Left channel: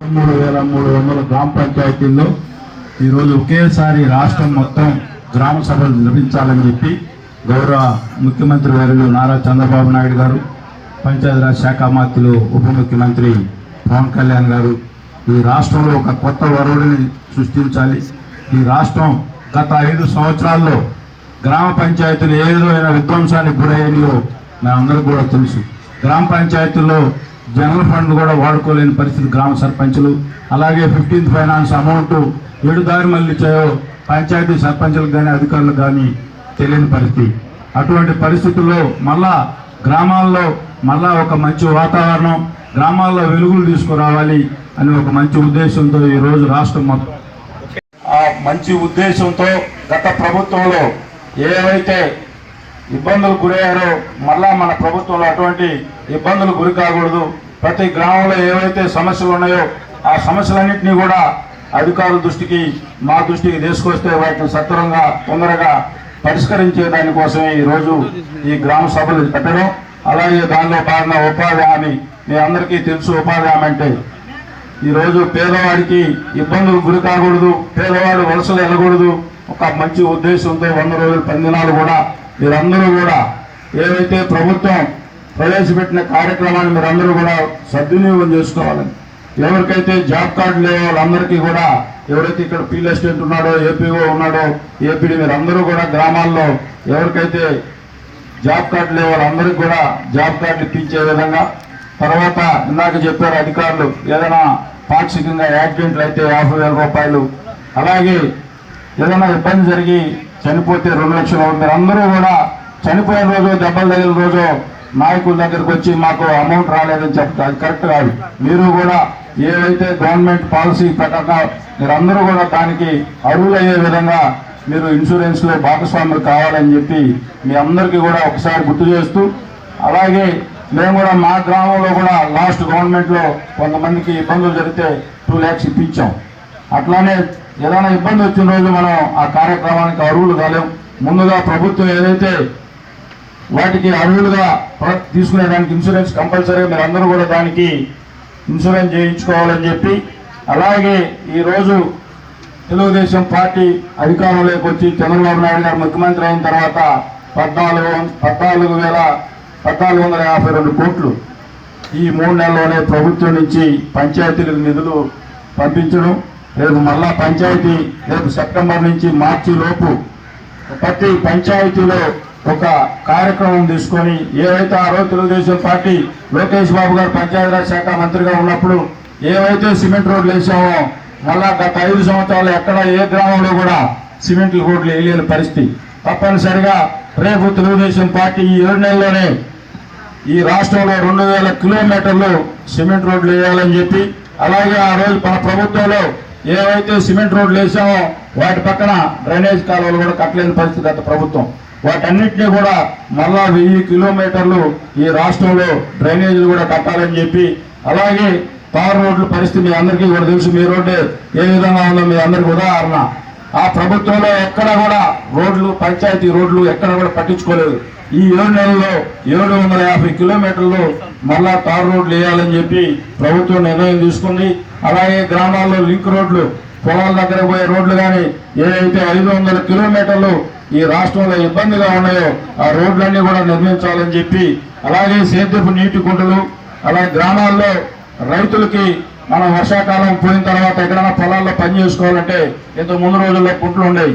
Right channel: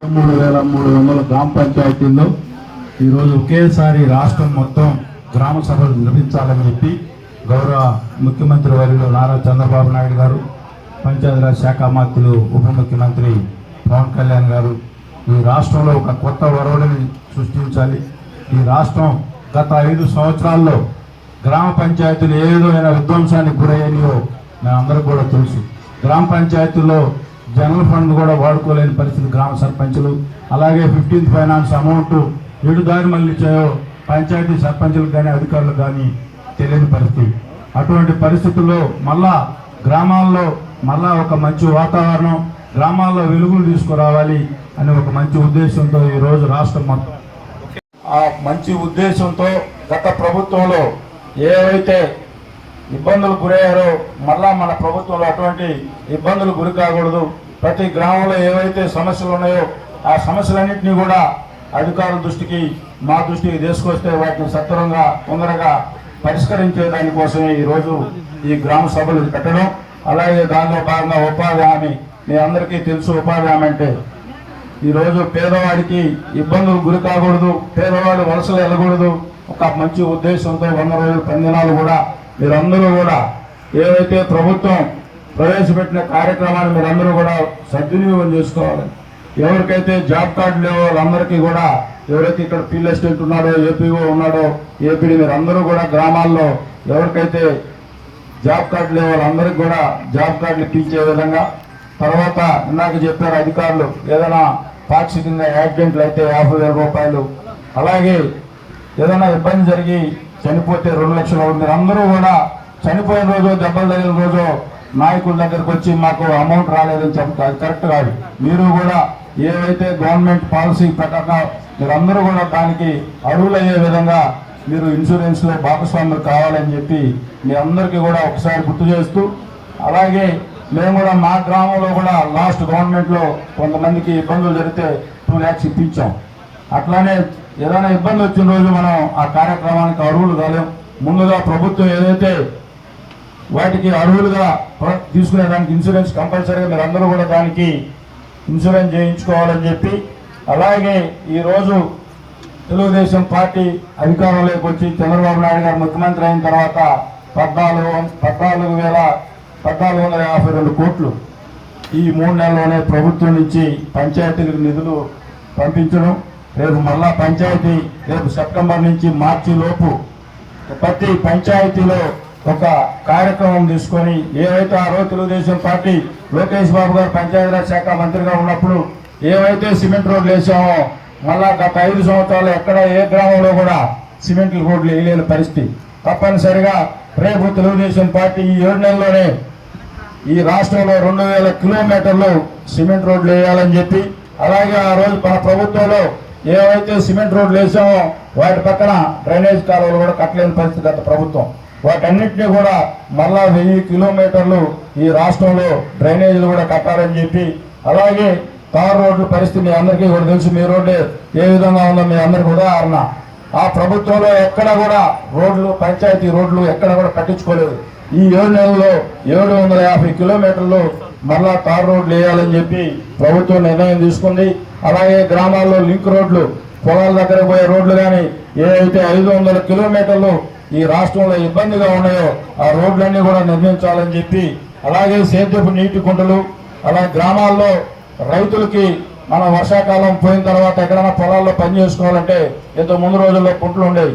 మూడు వేల మూడు వందల గ్రామ పంచాయతీల్లో ఈరోజు ఒకేసారి రాష్ట్రం మొత్తం గ్రామ సభలు నిర్వహించాలని చెప్పి గౌరవ ముఖ్యమంత్రి వర్యులు నారా చంద్రబాబు నాయుడు గారు పంచాయతీరాజ్ శాఖ మంత్రులు ఉప ముఖ్యమంత్రి పవన్ కళ్యాణ్ గారు ఈ రాష్ట్రంలో ఒక కొత్త వరవడిని సృష్టించాలి. ఈ రాష్ట్రం గత ఐదు సంవత్సరాల్లో గ్రామ పంచాయతీలు ఏ విధమైన విధ్వంసానికి గురయ్యాయో మనందరికీ కూడా తెలుసు. గ్రామ పంచాయతీల్లో జనరల్ ఫండ్ కూడా వాడుకోలేని పరిస్థితి గ్రామ సర్పంచులు. అలాగే ఫిఫ్టీన్త్ ఫైనాన్స్ అమౌంట్ ఏడు దారి మళ్ళీ ఇచ్చాయో పంచాయతీ సర్పంచులకు కానీ అధికారులకు కానీ తెలియని పరిస్థితి. అటువంటి పరిస్థితుల్లో మళ్ళా గ్రామాల్లో మళ్ళా ఒక మంచి వాతావరణం గ్రామాల్లో వెలుగులు తీసుకురావాలి అని ఒక మంచి ఉద్దేశంతో ఈరోజు రాష్ట్రం మొత్తం. ఆ మంచి ఉద్దేశంతో గత ప్రభుత్వంలో ఏవైతే ఇబ్బందులు గురయ్యారో మళ్ళా మన ప్రభుత్వంలో అటువంటి ఇబ్బందులు గురి కాకూడదు. ప్రతి గ్రామంలో ఏవైతే సమస్యలు ఉన్నాయో ఆ సమస్యలన్నింటినీ కూడా అధికారుల దృష్టికి మా దృష్టికి తీసుకొస్తే వాటిని సత్వరంగా తొందరగా పరిష్కరించే దానికోసమే ఈరోజు ఈ గ్రామ సభలు పెట్టడం. అలాగే దానిలో భాగంగా ఉపాధి హామీ మీ అందరికీ తెలుసు ఉపాధి హామీ అంటే. ఈరోజు పేదవాడికి ఇబ్బందులు గురి కాకూడదు పేదవాడు వలసలు వెళ్ళకూడదు. ఒక మంచి ఉద్దేశంతో వంద రోజులు పది కూడా మీరందరూ కూడా ఏదైతే ప్రభుత్వం ప్రవేశపెట్టిన కార్యక్రమాన్ని మీరందరూ కూడా సద్వినియోగం చేసుకోవాలని. ఎవరికైతే జాబ్ కార్డు లేవో వాళ్ళందరికీ కూడా ఎవరైతే ఇక్కడ ఫీల్ ఎస్టేట్ ఉన్నాడో ఏపీఓ ఉన్నాడో ఏపీడీ మీరందరూ కూడా గ్రామాల్లో ఎవరికైతే జాబ్ కార్డు లేవో వాళ్ళందరికీ కూడా జాబ్ కార్డులు ఇప్పించే విధంగా. తర్వాత ఇందాక చెప్పారు అధికారులు ఏదైనా పాక్షికంగా యాక్సిడెంట్లు అయితే యాభై వేల రూపాయలు. అలాగే ఏదైనా ఇబ్బంది జరిగి చనిపోతే రెండు లక్షలు అవుతారు. అందరూ కూడా చనిపోయిన రోజు దెబ్బలు తగిలిన రోజు నాయకుల దగ్గరకు వచ్చి మాకు అమౌంట్ రాలేదని చెప్తారు. కరెక్ట్ కాదు. మీరు కూడా ఏవైతే గవర్నమెంట్ పాలసీ ప్రకారం మీరందరూ కూడా దానికి అర్హులయ్యే విధంగా మీరు ఇన్సూరెన్స్లో భాగస్వాములు కావాలని చెప్పి మీ అందరికీ కూడా ఒకసారి గుర్తు చేస్తూ అలాగే మేము కూడా మా గ్రామంలో కూడా లాస్ట్ గవర్నమెంట్లో కొంతమందికి ఇబ్బందులు జరిగితే టూ ల్యాక్స్ ఇప్పించాం. అట్లానే ఏదైనా ఇబ్బంది వచ్చిన రోజు మనం ఆ కార్యక్రమానికి అర్హులు కాలేం. ముందుగా ప్రభుత్వం ఏదైతే వాటికి అర్హులుగా తీసుకునేదానికి ఇన్సూరెన్స్ కంపల్సరీగా మీరు అందరూ కూడా దానికి ఇన్సూరెన్స్ చేయించుకోవాలని చెప్పి అలాగే ఈరోజు తెలుగుదేశం పార్టీ అధికారంలోకి వచ్చి చంద్రబాబు నాయుడు గారు ముఖ్యమంత్రి అయిన తర్వాత పద్నాలుగు పద్నాలుగు వేల పద్నాలుగు వందల యాభై రెండు కోట్లు ఈ మూడు నెలల్లోనే ప్రభుత్వం నుంచి పంచాయతీలకు నిధులు పంపించడం రేపు మళ్ళా పంచాయతీ రేపు సెప్టెంబర్ నుంచి మార్చి లోపు ప్రతి పంచాయతీలో ఒక కార్యక్రమం తీసుకొని ఏవైతే ఆ రోజు తెలుగుదేశం పార్టీ లోకేష్ బాబు గారు పంచాయతీరాజ్ శాఖ మంత్రిగా ఉన్నప్పుడు ఏవైతే సిమెంట్ రోడ్లు వేసామో మళ్ళా గత ఐదు సంవత్సరాలు ఎక్కడ ఏ గ్రామంలో కూడా సిమెంట్ రోడ్లు వేయలేని పరిస్థితి. తప్పనిసరిగా రేపు తెలుగుదేశం పార్టీ ఈ ఏడు నెలల్లోనే ఈ రాష్ట్రంలో రెండు వేల కిలోమీటర్లు సిమెంట్ రోడ్లు వేయాలని చెప్పి అలాగే ఆ రోజు మన ప్రభుత్వంలో ఏవైతే సిమెంట్ రోడ్లు వేసామో వాటి పక్కన డ్రైనేజ్ కాలువలు కూడా కట్టలేని పరిస్థితి గత ప్రభుత్వం. వాటన్నిటినీ కూడా మళ్ళా వెయ్యి కిలోమీటర్లు ఈ రాష్ట్రంలో డ్రైనేజీలు కూడా కట్టాలని చెప్పి అలాగే తార్ రోడ్ల పరిస్థితి మీ అందరికీ కూడా తెలుసు మీ రోడ్డు ఏ విధంగా ఉందో మీ అందరికీ ఉదాహరణ. ఆ ప్రభుత్వంలో ఎక్కడ కూడా రోడ్లు పంచాయతీ రోడ్లు ఎక్కడ కూడా పట్టించుకోలేదు. ఈ ఏడు నెలల్లో ఏడు వందల యాభై కిలోమీటర్లు మళ్ళా తార్ రోడ్లు వేయాలని చెప్పి ప్రభుత్వం నిర్ణయం తీసుకుంది. అలాగే గ్రామాల్లో లింక్ రోడ్లు పొలాల దగ్గర పోయే రోడ్లు కానీ ఏవైతే ఐదు వందల కిలోమీటర్లు ఈ రాష్ట్రంలో ఇబ్బందిగా ఉన్నాయో ఆ రోడ్లన్నీ కూడా నిర్మించాలని చెప్పి అలాగే సేద్యపు నీటి కుంటలు అలాగే గ్రామాల్లో రైతులకి మనం వర్షాకాలం పోయిన తర్వాత ఎక్కడైనా పొలాల్లో పని చేసుకోవాలంటే ఇంత ముందు రోజుల్లో కుంటలు ఉండేవి.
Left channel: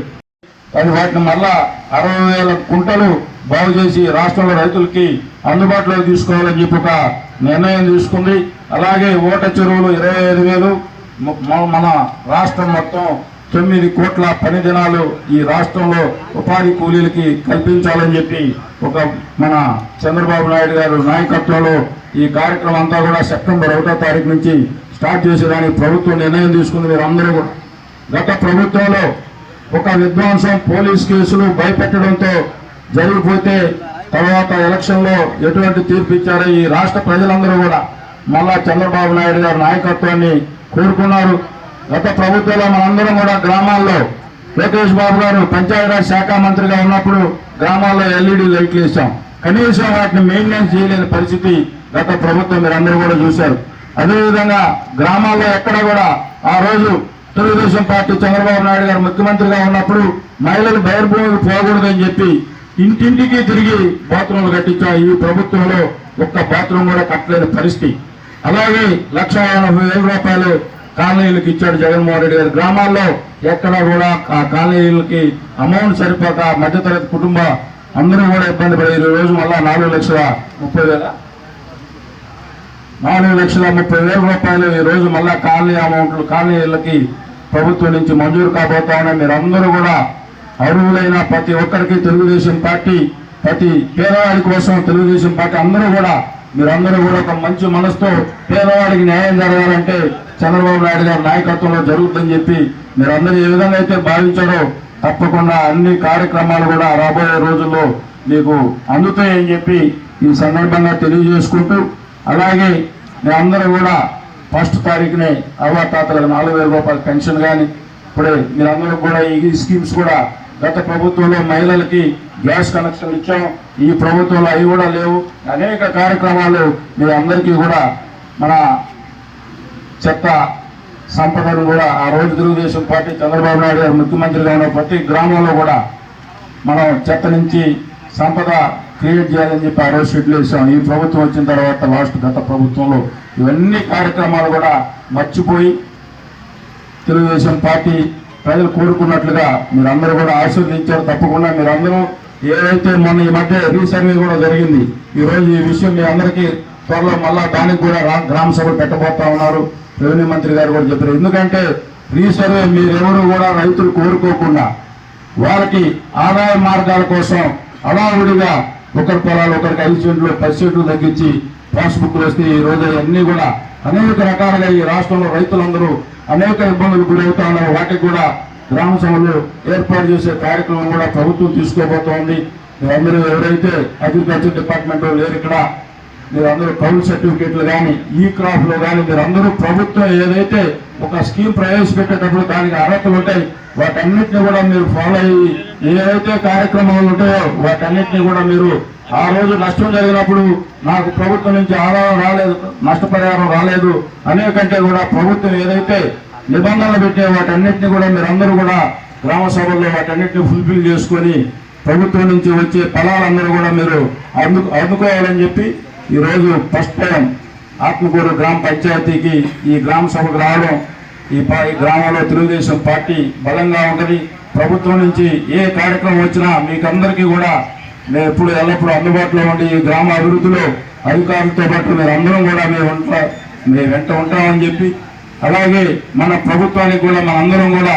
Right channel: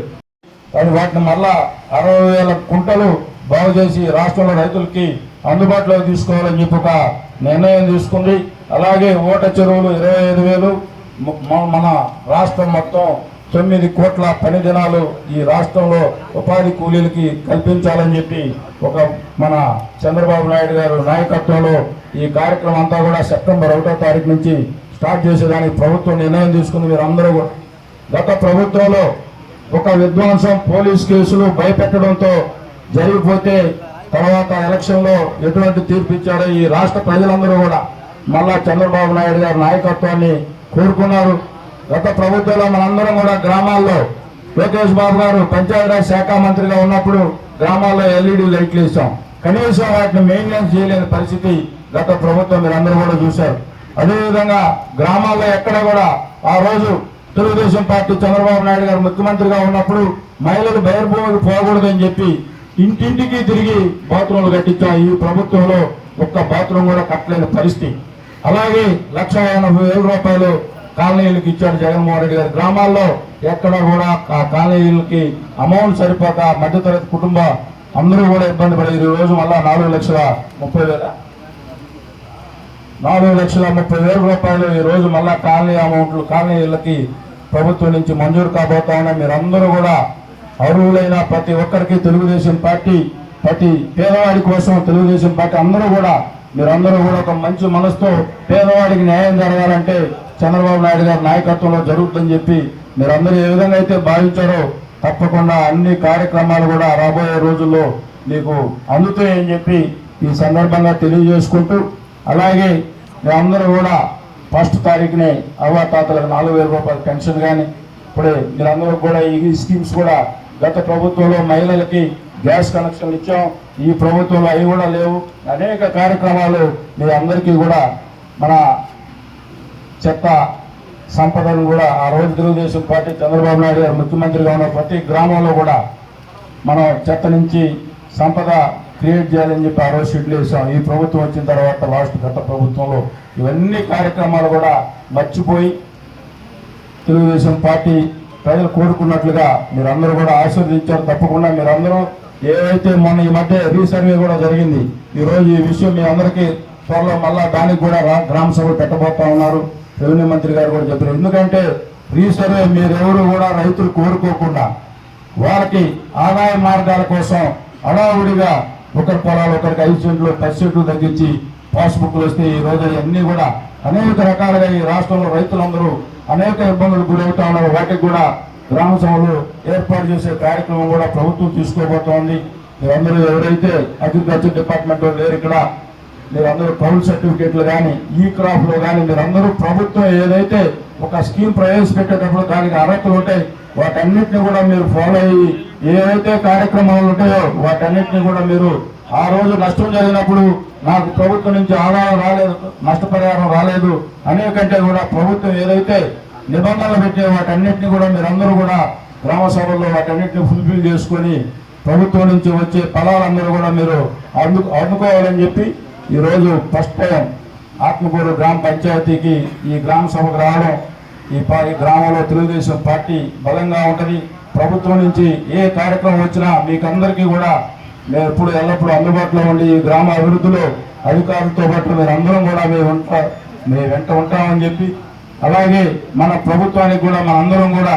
అది వాటిని మళ్ళా అరవై వేల కుంటలు బాగు చేసి రాష్ట్రంలో రైతులకి అందుబాటులో తీసుకోవాలని చెప్పి ఒక నిర్ణయం తీసుకుంది. అలాగే ఓట చెరువులు ఇరవై ఐదు వేలు మన రాష్ట్రం మొత్తం తొమ్మిది కోట్ల పని దినాలు ఈ రాష్ట్రంలో ఉపాధి కూలీలకి కల్పించాలని చెప్పి ఒక మన చంద్రబాబు నాయుడు గారు నాయకత్వంలో ఈ కార్యక్రమం అంతా కూడా సెప్టెంబర్ ఒకటో తారీఖు నుంచి స్టార్ట్ చేసేదానికి ప్రభుత్వం నిర్ణయం తీసుకుంది. మీరు అందరూ గత ప్రభుత్వంలో ఒక విధ్వంసం పోలీస్ కేసులు భయపెట్టడంతో జరిగిపోతే తర్వాత ఎలక్షన్లో ఎటువంటి తీర్పు ఇచ్చారో ఈ రాష్ట్ర ప్రజలందరూ కూడా మళ్ళా చంద్రబాబు నాయుడు గారి నాయకత్వాన్ని కోరుకున్నారు. గత ప్రభుత్వంలో మనందరం కూడా గ్రామాల్లో లోకేష్ బాబు గారు పంచాయతీరాజ్ శాఖ మంత్రిగా ఉన్నప్పుడు గ్రామాల్లో ఎల్ఈడి లైట్లు ఇచ్చాం కనీసం వాటిని మెయింటెనెన్స్ చేయలేని పరిస్థితి గత ప్రభుత్వం మీరందరూ కూడా చూశారు. అదేవిధంగా గ్రామాల్లో ఎక్కడ కూడా ఆ రోజు తెలుగుదేశం పార్టీ చంద్రబాబు నాయుడు గారు ముఖ్యమంత్రిగా ఉన్నప్పుడు మహిళలు బహిర్భూమికి పోకూడదని చెప్పి ఇంటింటికి తిరిగి బాత్రూమ్లు కట్టించాం ఈ ప్రభుత్వంలో ఒక్క బాత్రూమ్ కూడా కట్టలేని పరిస్థితి. అలాగే లక్ష ఎనభై వేల రూపాయలు కాలనీలకు ఇచ్చాడు జగన్మోహన్ రెడ్డి గారు. గ్రామాల్లో ఎక్కడ కూడా ఆ కాలనీలకి అమౌంట్ సరిపోక మధ్యతరగతి కుటుంబ అందరూ కూడా ఇబ్బంది పడే ఈ రోజు మళ్ళా నాలుగు లక్షల ముప్పై వేల. నాలుగు లక్షల ముప్పై వేల రూపాయలు ఈ రోజు మళ్ళా కాలనీ అమౌంట్లు కాలనీలకి ప్రభుత్వం నుంచి మంజూరు కాబోతా మీరందరూ కూడా అర్హులైన ప్రతి ఒక్కరికి తెలుగుదేశం పార్టీ ప్రతి పేదవాడి కోసం తెలుగుదేశం పార్టీ అందరూ కూడా మీరందరూ కూడా ఒక మంచి మనసుతో పేదవాడికి న్యాయం జరగాలంటే చంద్రబాబు నాయుడు గారి నాయకత్వంలో జరుగుతుందని చెప్పి మీరందరూ ఏ విధంగా అయితే భావించారో తప్పకుండా అన్ని కార్యక్రమాలు కూడా రాబోయే రోజుల్లో మీకు అందుతాయని చెప్పి ఈ సందర్భంగా తెలియజేసుకుంటూ అలాగే మీరందరూ కూడా ఫస్ట్ తారీఖునే అవ్వాతాతలకు నాలుగు వేల రూపాయల పెన్షన్ కానీ ఇప్పుడే మీరందరూ కూడా ఈ స్కీమ్స్ కూడా గత ప్రభుత్వంలో మహిళలకి గ్యాస్ కనెక్షన్ ఇచ్చాం. ఈ ప్రభుత్వంలో అవి కూడా లేవు. అనేక కార్యక్రమాలు మీరందరికీ కూడా మన చెత్త సంపదను కూడా ఆ రోజు తెలుగుదేశం పార్టీ చంద్రబాబు నాయుడు గారు ముఖ్యమంత్రిగా ఉన్న ప్రతి గ్రామంలో కూడా మనం చెత్త నుంచి సంపద క్రియేట్ చేయాలని చెప్పి ఆ రోజు షెడ్యూల్ వేసాం ఈ ప్రభుత్వం వచ్చిన తర్వాత లాస్ట్ గత ప్రభుత్వంలో ఇవన్నీ కార్యక్రమాలు కూడా మర్చిపోయి తెలుగుదేశం పార్టీ ప్రజలు కోరుకున్నట్లుగా మీరందరూ కూడా ఆస్వాదించారు తప్పకుండా. మీరందరూ ఏదైతే మొన్న ఈ మధ్య రీసర్వే కూడా జరిగింది ఈరోజు ఈ విషయం మీ అందరికీ త్వరలో మళ్ళా దానికి కూడా గ్రామ సభలు పెట్టబోతా ఉన్నారు. రెవెన్యూ మంత్రి గారు కూడా చెప్పారు. ఎందుకంటే రీసర్వే మీరెవరు కూడా రైతులు కోరుకోకుండా వారికి ఆదాయ మార్గాల కోసం అడావుడిగా ఒకరి పొలాలు ఒకరికి ఐదు సెంట్లు పది సెంట్లు తగ్గించి పాస్బుక్లు వస్తే ఈ రోజు అన్నీ కూడా అనేక రకాలుగా ఈ రాష్ట్రంలో రైతులందరూ అనేక ఇబ్బందులు గురవుతా ఉన్నారు వాటికి కూడా గ్రామ సభలు ఏర్పాటు చేసే కార్యక్రమం కూడా ప్రభుత్వం తీసుకోబోతోంది. మీరందరూ ఎవరైతే అగ్రికల్చర్ డిపార్ట్మెంట్లో లేరు ఇక్కడ మీరందరూ కౌలు సర్టిఫికేట్లు కానీ ఈ క్రాఫ్లో కానీ మీరందరూ ప్రభుత్వం ఏదైతే ఒక స్కీమ్ ప్రవేశపెట్టేటప్పుడు దానికి అర్హతలు ఉంటాయి వాటన్నిటిని కూడా మీరు ఫాలో అయ్యి ఏవైతే కార్యక్రమాలు ఉంటాయో వాటన్నిటిని కూడా మీరు ఆ రోజు నష్టం జరిగినప్పుడు నాకు ప్రభుత్వం నుంచి ఆదాయం రాలేదు నష్టపరిహారం రాలేదు. అనేకంటే కూడా ప్రభుత్వం ఏదైతే నిబంధనలు పెట్టే వాటన్నిటిని కూడా మీరందరూ కూడా గ్రామ సభల్లో వాటన్నిటిని ఫుల్ఫిల్ చేసుకొని ప్రభుత్వం నుంచి వచ్చే ఫలాలందరూ కూడా మీరు అందు అందుకోవాలని చెప్పి ఈరోజు ఫస్ట్ టైం ఆత్మకూరు గ్రామ పంచాయతీకి ఈ గ్రామ సభకు రావడం ఈ ఈ గ్రామంలో తెలుగుదేశం పార్టీ బలంగా ఉంటుంది ప్రభుత్వం నుంచి ఏ కార్యక్రమం వచ్చినా మీకందరికీ కూడా మేము ఎప్పుడు ఎల్లప్పుడూ అందుబాటులో ఉండి ఈ గ్రామ అభివృద్ధిలో అధికారులతో పాటు మీరు అందరం కూడా మేము ఉంటా మేము వెంట ఉంటామని చెప్పి అలాగే మన ప్రభుత్వానికి కూడా మనందరం కూడా